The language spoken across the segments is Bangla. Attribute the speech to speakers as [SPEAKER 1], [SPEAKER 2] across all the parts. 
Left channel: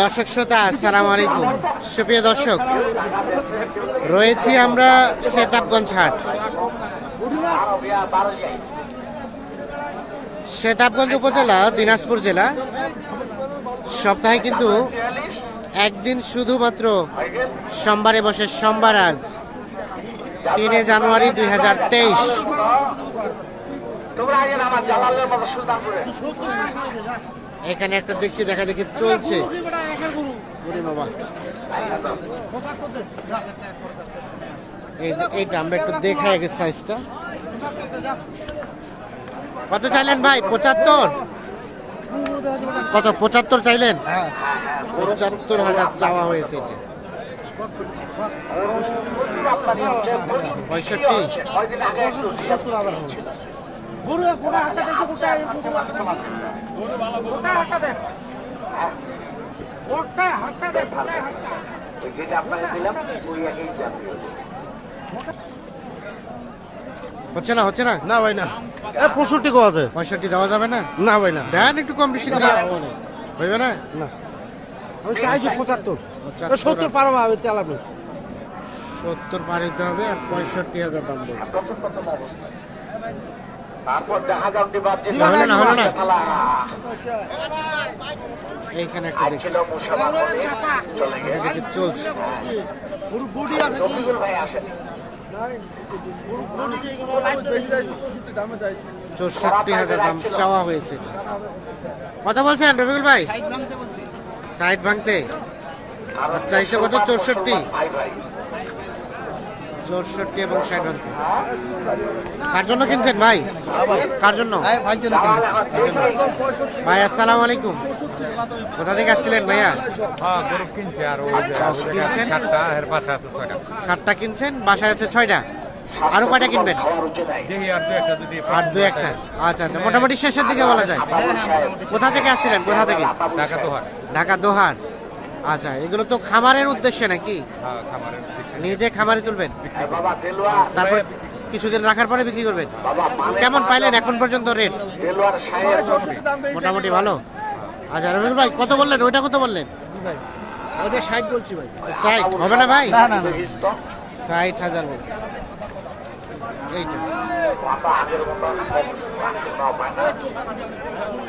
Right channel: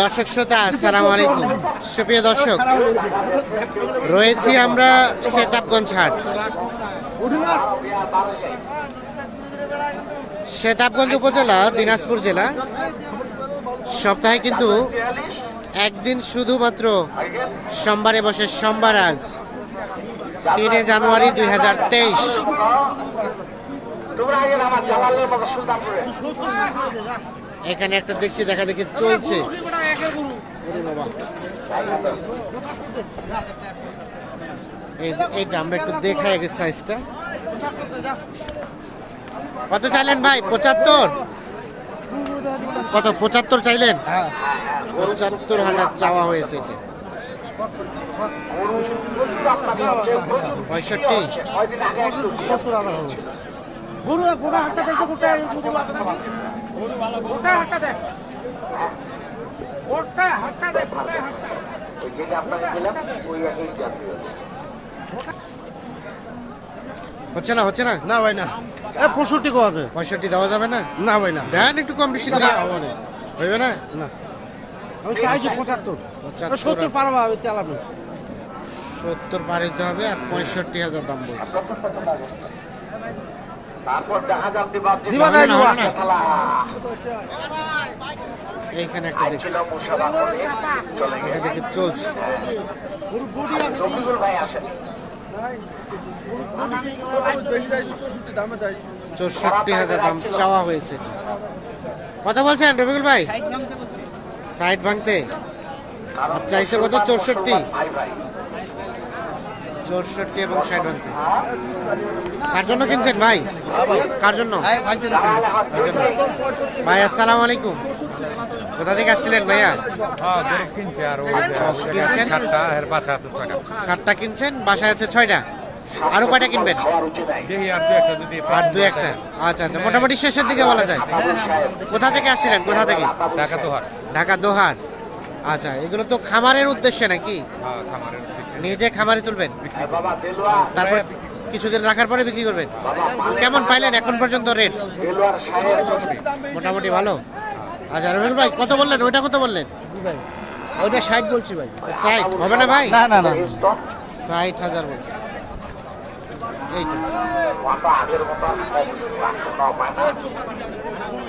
[SPEAKER 1] দর্শক শ্রোতা, আসসালামু আলাইকুম। সুপ্রিয় দর্শক, রয়েছি আমরা শেতাবগঞ্জ হাট। শেতাবগঞ্জ উপজেলা, দিনাজপুর জেলা। সপ্তাহে কিন্তু একদিন শুধুমাত্র সোমবারে বসে সোমবার আজ, তিনে জানুয়ারি দুই হাজার তেইশ। এখানে একটা দেখছি, দেখা দেখি চলছে। বাবা। এই এইটা আমরা একটু দেখাই আগে সাইজটা কত চাইলেন ভাই? পঁচাত্তর? কত, পঁচাত্তর চাইলেন? পঁচাত্তর হাজার চাওয়া হয়েছে এটা। পঁয়ষট্টি? হচ্ছে না হচ্ছে না?
[SPEAKER 2] না ভাই না। পঁয়ষট্টি কো আছে।
[SPEAKER 1] পঁয়ষট্টি দেওয়া যাবে না?
[SPEAKER 2] না ভাই না।
[SPEAKER 1] দেন একটু কম বেশি করে। হইবে না?
[SPEAKER 2] না। আমি চাইছি পঁচাত্তর। সত্তর পারব আমি চালাবো
[SPEAKER 1] সত্তর পার হইতে হবে আর পঁয়ষট্টি হাজার দাম বলছে। এইখানে একটা দেখছি। দেখি চলছে। চৌষট্টি হাজার দাম চাওয়া হয়েছে। এটা কত বলছেন রবিকুল ভাই? সাইড ভাঙতে আর চাইছে কত চৌষট্টি। চৌষট্টি এবং ষাট ভাঙতে কার জন্য কিনছেন ভাই? কার জন্য? ভাই আসসালামু আলাইকুম। কোথা থেকে আসছিলেন ভাইয়া?
[SPEAKER 3] হ্যাঁ সাতটা
[SPEAKER 1] কিনছেন বাসায় আছে ছয়টা। আরও কয়টা কিনবেন?
[SPEAKER 3] আর দু একটা
[SPEAKER 1] আচ্ছা আচ্ছা মোটামুটি শেষের দিকে বলা যায়। কোথা থেকে আসছিলেন? কোথা থেকে?
[SPEAKER 3] ঢাকা তো হার
[SPEAKER 1] ঢাকা দোহার। আচ্ছা এগুলো তো খামারের উদ্দেশ্যে নাকি?
[SPEAKER 3] হ্যাঁ খামারের উদ্দেশ্যে।
[SPEAKER 1] নিজে খামারে তুলবেন? তারপর কিছুদিন রাখার পরে বিক্রি করবেন? কেমন পাইলেন এখন পর্যন্ত রেট? মোটামুটি ভালো? আচ্ছা রবিকুল ভাই কত বললেন? ওইটা কত বললেন?
[SPEAKER 2] ওইটা ষাট বলছি ভাই।
[SPEAKER 1] ষাট? হবে না ভাই?
[SPEAKER 2] না না না।
[SPEAKER 1] ষাট হাজার বলছে। এইটা।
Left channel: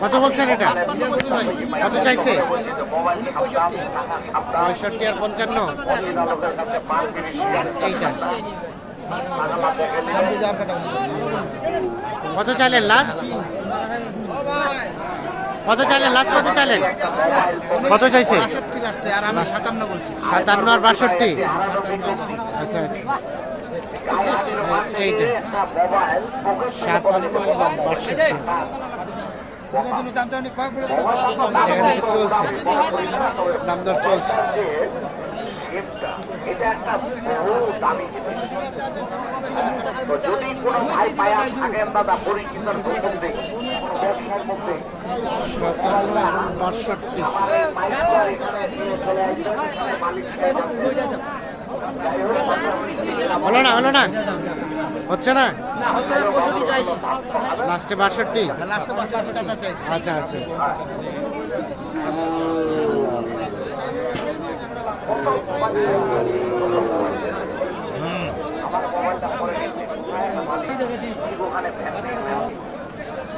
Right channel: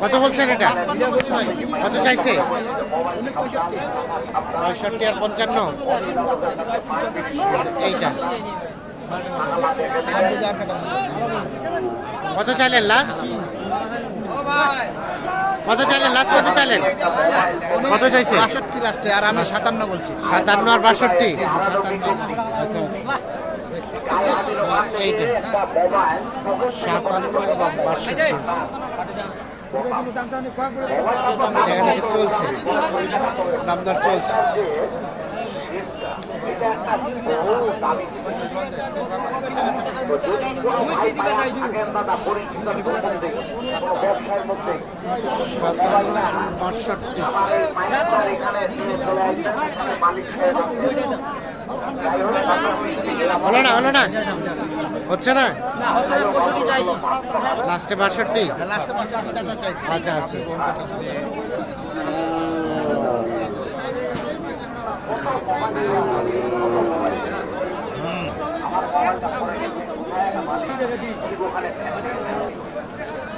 [SPEAKER 1] কত বলছেন এটা? কত চাইছে? পঁয়ষট্টি আর পঞ্চান্ন। এইটা। কত চাইলেন লাস্ট কত চাইলেন লাস্ট কত চাইলেন? কত চাইছে?
[SPEAKER 2] আর আমি সাতান্ন
[SPEAKER 1] সাতান্ন আর বাষট্টি? আচ্ছা। এইটা। সাতান্ন এবং বাষট্টি দেখা দেখে চলছে। দাম দর চলছে বাষট্টি। হলো না হলো না? হচ্ছে না? লাস্টে বাষট্টি? আচ্ছা আচ্ছা।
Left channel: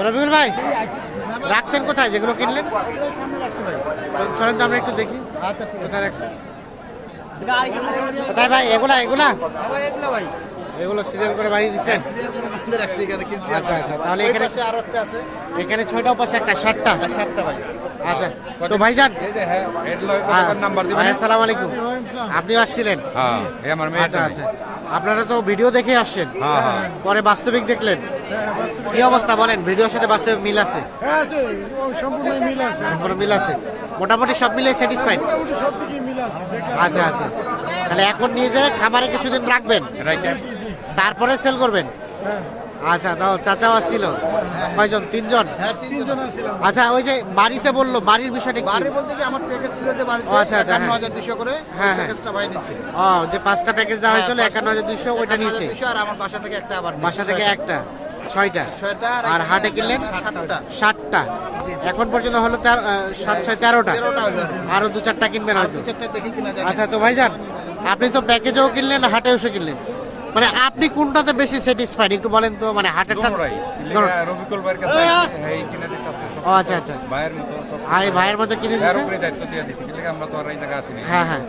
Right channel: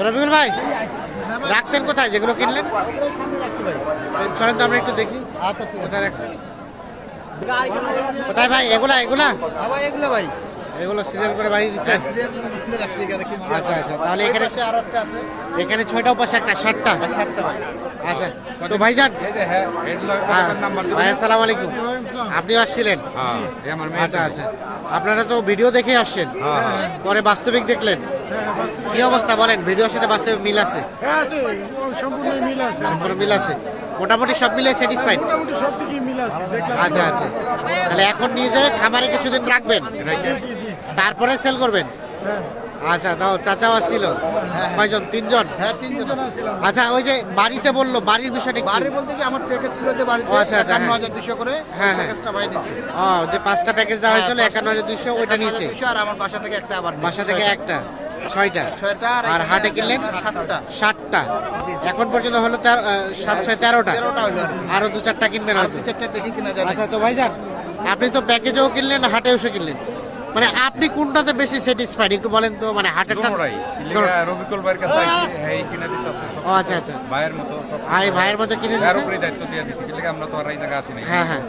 [SPEAKER 1] রবিকুল ভাই রাখছেন কোথায়? যেগুলো কিনলেন? চলেন তো আমরা একটু দেখি।
[SPEAKER 2] আচ্ছা
[SPEAKER 1] কোথায় রাখছেন? কোথায় ভাই? এগুলা এগুলা?
[SPEAKER 2] ভাই। এগুলো
[SPEAKER 1] সিরিয়াল করে বাড়ি
[SPEAKER 2] দিচ্ছে
[SPEAKER 1] আচ্ছা আচ্ছা। তাহলে এখানে এখানে ছয়টা উপাস একটা ষাটটা
[SPEAKER 2] সাতটা ভাই।
[SPEAKER 1] আচ্ছা তো ভাইজান
[SPEAKER 3] হ্যাঁ
[SPEAKER 1] ভাই আসসালামু আলাইকুম। আপনি আসছিলেন?
[SPEAKER 3] হ্যাঁ
[SPEAKER 1] আচ্ছা আচ্ছা। আপনারা তো ভিডিও দেখে আসছেন।
[SPEAKER 3] হ্যাঁ।
[SPEAKER 1] পরে বাস্তবিক দেখলেন। কি অবস্থা বলেন? ভিডিওর সাথে বাস্তবিক মিল আছে?
[SPEAKER 4] হ্যাঁ সম্পূর্ণ মিল আছে।
[SPEAKER 1] সম্পূর্ণ মিল আছে। মোটামুটি সব মিলে স্যাটিসফাইড
[SPEAKER 4] মোটামুটি সব দিকেই মিল আছে।
[SPEAKER 1] আচ্ছা আচ্ছা। তাহলে এখন নিয়ে যেয়ে খামারে কিছুদিন রাখবেন?
[SPEAKER 3] রাইখে
[SPEAKER 4] জি জি
[SPEAKER 1] তারপরে সেল করবেন?
[SPEAKER 4] হ্যাঁ।
[SPEAKER 1] আচ্ছা তাও চাচাও আসছিল? কয়জন? তিনজন?
[SPEAKER 2] হ্যাঁ
[SPEAKER 1] আচ্ছা ওই যে বাড়িতে বলল বাড়ির বিষয়টা
[SPEAKER 2] বাড়ি বলতে কি আমার প্যাকেজ ছিল যে বাড়িতে
[SPEAKER 1] আচ্ছা, আচ্ছা,
[SPEAKER 2] একান্ন
[SPEAKER 1] হ্যাঁ।
[SPEAKER 2] হাজার দুশো করে
[SPEAKER 1] হ্যাঁ।
[SPEAKER 2] প্যাকেজটা ভাই নিচ্ছে
[SPEAKER 1] ও যে পাঁচটা প্যাকেজ দেওয়া হয়েছিল
[SPEAKER 2] হ্যাঁ,
[SPEAKER 1] একান্ন হাজার দুইশো ওইটা নিচে
[SPEAKER 2] আর আমার বাসা থেকে একটা আবার
[SPEAKER 1] বাসা থেকে একটা ছয়টা?
[SPEAKER 2] ছয়টা
[SPEAKER 1] আর হাটে কিনলেন?
[SPEAKER 2] সাতটা। জি।
[SPEAKER 1] এখন পর্যন্ত হলো তেরো- সাত ছয় তেরোটা।
[SPEAKER 2] আর
[SPEAKER 1] দু চারটা কিনবেন হয়তো। আচ্ছা তো ভাই যান আপনি তো প্যাকেজও কিনলেন হাটে এসে কিনলেন? মানে আপনি কোনটাতে বেশি স্যাটিসফাইড একটু বলেন তো মানে হাটেরটা
[SPEAKER 3] রবিকুল ভাইয়ের কাছে হ্যাঁ এই কিনে সব।
[SPEAKER 1] ও আচ্ছা আচ্ছা।
[SPEAKER 3] ভাইয়ের মতো সব
[SPEAKER 1] ভাই ভাইয়ের মধ্যে কিনে
[SPEAKER 3] এর
[SPEAKER 1] দিচ্ছে
[SPEAKER 3] উপরে দায়িত্ব দিয়ে দিচ্ছি কি আমরা তো আর এই জায়গায় আসি নাই।
[SPEAKER 1] হ্যাঁ হ্যাঁ।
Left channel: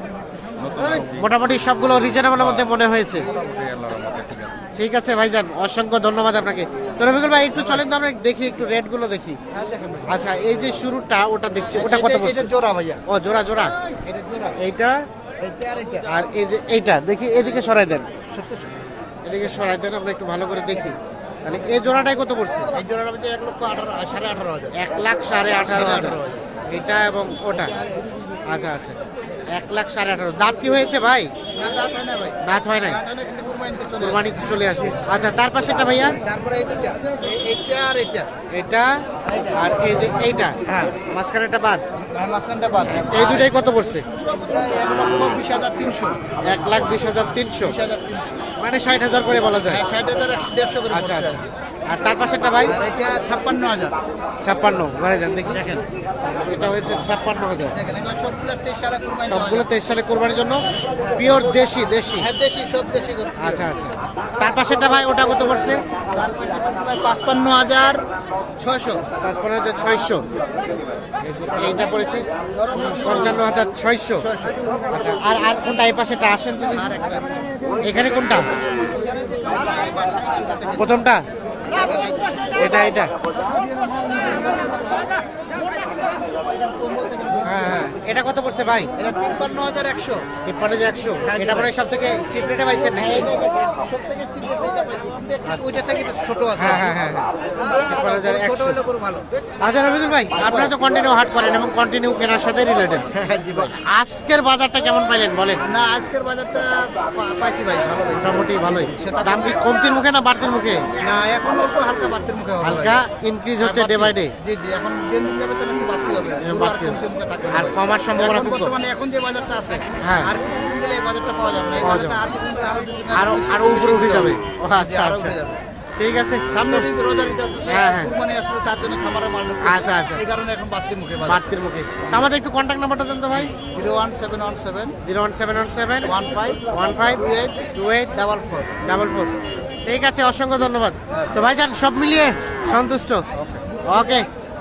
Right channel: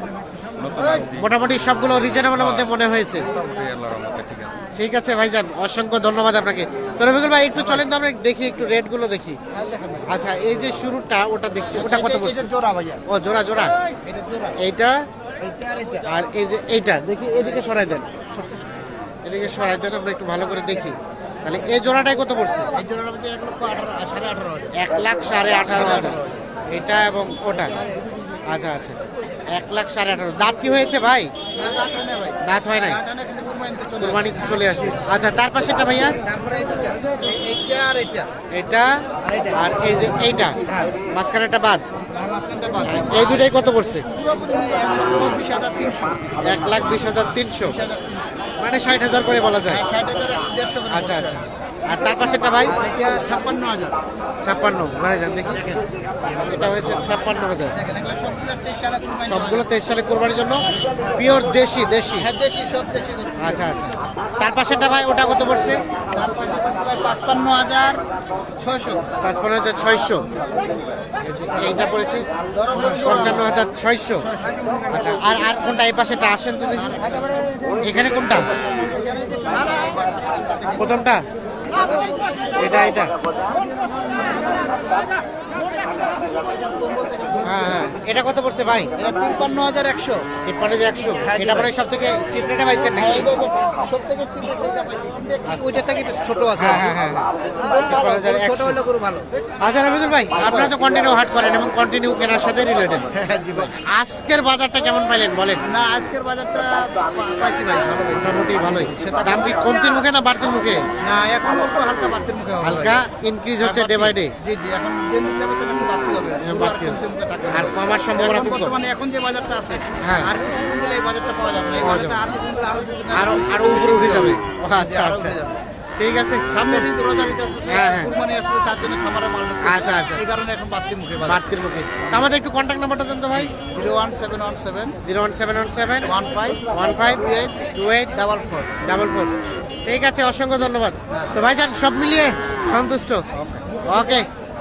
[SPEAKER 1] মোটামুটি সবগুলো রিজনেবলের মধ্যে মনে হয়েছে।
[SPEAKER 3] মোটামুটি আল্লাহর রহমতে ঠিক আছে।
[SPEAKER 1] ঠিক আছে ভাইজান অসংখ্য ধন্যবাদ আপনাকে। তো রবিকুল ভাই একটু চলেন তো আমরা দেখি একটু রেটগুলো দেখি। আচ্ছা এই যে শুরুটা ওটা দেখছি ওটা কত
[SPEAKER 2] এই যে- এই
[SPEAKER 1] বলছে
[SPEAKER 2] জোড়া ভাইয়া।
[SPEAKER 1] ও জোড়া জোড়া।
[SPEAKER 2] এটা জোড়া।
[SPEAKER 1] এইটা
[SPEAKER 2] এইটা এইটা।
[SPEAKER 1] আর এই যে এইটা দেখি এদিকে সরাই দেন। এদিকে সরাই দেন আমরা একটু ভালো করে দেখি। তাহলে এই জোড়াটাই কত পড়ছে?
[SPEAKER 2] এক
[SPEAKER 1] লাখ সাড়ে আঠারো হাজার। এটা এবং ওটা। আচ্ছা আচ্ছা। এক লাখ সাড়ে আঠারো। দাঁত কি হয়েছে ভাই? দাঁত হয় নাই?
[SPEAKER 2] কুরবানিতে চলে আসবে।
[SPEAKER 1] কোরবানিতে চলে আসবে। আচ্ছা তার ভাইয়া?
[SPEAKER 2] এইটা আর এইটা।
[SPEAKER 1] এটা আর এই যে এইটা।
[SPEAKER 2] হ্যাঁ।
[SPEAKER 1] মাঝখানেটা বাদ।
[SPEAKER 2] বাদ
[SPEAKER 1] এই দুটাই কত পড়ছে?
[SPEAKER 2] এক
[SPEAKER 1] লাখ বিশ হাজার তিনশো। মানে ষাট হাজার করে বলা যায়। আচ্ছা আচ্ছা। আর তার পাশেটা ভাই?
[SPEAKER 2] ছাপ্পান্ন হাজার।
[SPEAKER 1] ছাপ্পান্ন যান দেখি এটা হয়েছে ছাপ্পান্ন হাজার।
[SPEAKER 2] সবগুলো তেইশ
[SPEAKER 1] সালে কোরবানির জন্য। পিওর দেশি দেশি?
[SPEAKER 2] হ্যাঁ।
[SPEAKER 1] আচ্ছা আচ্ছা। তার পাশেটা ভাই ওটা কত পড়ছে?
[SPEAKER 2] পাঁচপান্ন হাজার ছয়শো।
[SPEAKER 1] পাঁচপান্ন হাজার ছয়শো। এইটা পড়েছে? পঞ্চান্ন হাজার ছয়শো। আচ্ছা আর আর কোনটা এই পাশেটা আসেন তো এখানে কোনটা? প্রথমটা? এটা এটা। হ্যাঁ হ্যাঁ। এটা কত পড়ছে ভাই?
[SPEAKER 2] এটা তিপ্পান্ন হাজার একশো।
[SPEAKER 1] তিপ্পান্ন। হাজার একশো এটা মানে সব থেকে চিপ রেটে পাইছেন নাকি
[SPEAKER 2] সব থেকে চিপ ওইটা পাইছি। ওইটা থেকে ছোট আছে।
[SPEAKER 1] হ্যাঁ হ্যাঁ হ্যাঁ হ্যাঁ। আচ্ছা রবিদুল ভাই আপনারা তো কন্টিনিউ হাট করেন এবং কন্টিনিউ কেনার সাথে রিলেটেড
[SPEAKER 2] হ্যাঁ
[SPEAKER 1] আজকের বাজারটা কেমন পাইলেন বলেন?
[SPEAKER 2] না আজকের বাজারটা পাইছি ভাই ভালো
[SPEAKER 1] মোটামুটি ভালোই। দাম কি কমতির মুখে না বাড়তির মুখে?
[SPEAKER 2] না এখন অল্প হালকা বাড়তির মুখে
[SPEAKER 1] হালকা ইনক্রিজ হচ্ছে ডে বাই ডে
[SPEAKER 2] জি জি এখন দিন যাবে একটু বাড়তি হবে।
[SPEAKER 1] বাড়তি
[SPEAKER 2] থাকবে
[SPEAKER 1] আর। কমার সম্ভাবনা খুব।
[SPEAKER 2] বর্তমানে এখন যে বাজারটা আছে
[SPEAKER 1] হ্যাঁ।
[SPEAKER 2] আর কিছুদিন গেলে এই বাজারটা পাওয়া যাবে না। এই বাজারটা। আর কিছুদিন গেলে আরও
[SPEAKER 1] আরও
[SPEAKER 2] আরও
[SPEAKER 1] উপরে উঠে যাবে। আচ্ছা আচ্ছা। ঠিক আছে।
[SPEAKER 2] সামনে দিন রোজার ঈদ আছে
[SPEAKER 1] হ্যাঁ, হ্যাঁ।
[SPEAKER 2] কুরবানি আসলে তার জন্য খামারের মাল
[SPEAKER 1] আচ্ছা, আচ্ছা।
[SPEAKER 2] এই কারণে এখন বাড়তি মুখে
[SPEAKER 1] বাড়তির মুখে। আমাদের একটু কন্ট্যাক্ট নাম্বারটা দেন তো ভাই।
[SPEAKER 2] Zero one seven one seven
[SPEAKER 1] zero one seven one seven
[SPEAKER 2] one five
[SPEAKER 1] one five
[SPEAKER 2] two eight
[SPEAKER 1] two eight
[SPEAKER 2] double four.
[SPEAKER 1] Double four. ঠিক আছে অসংখ্য ধন্যবাদ। তো ভাইজান সব মিলিয়ে সন্তুষ্ট। ওকে।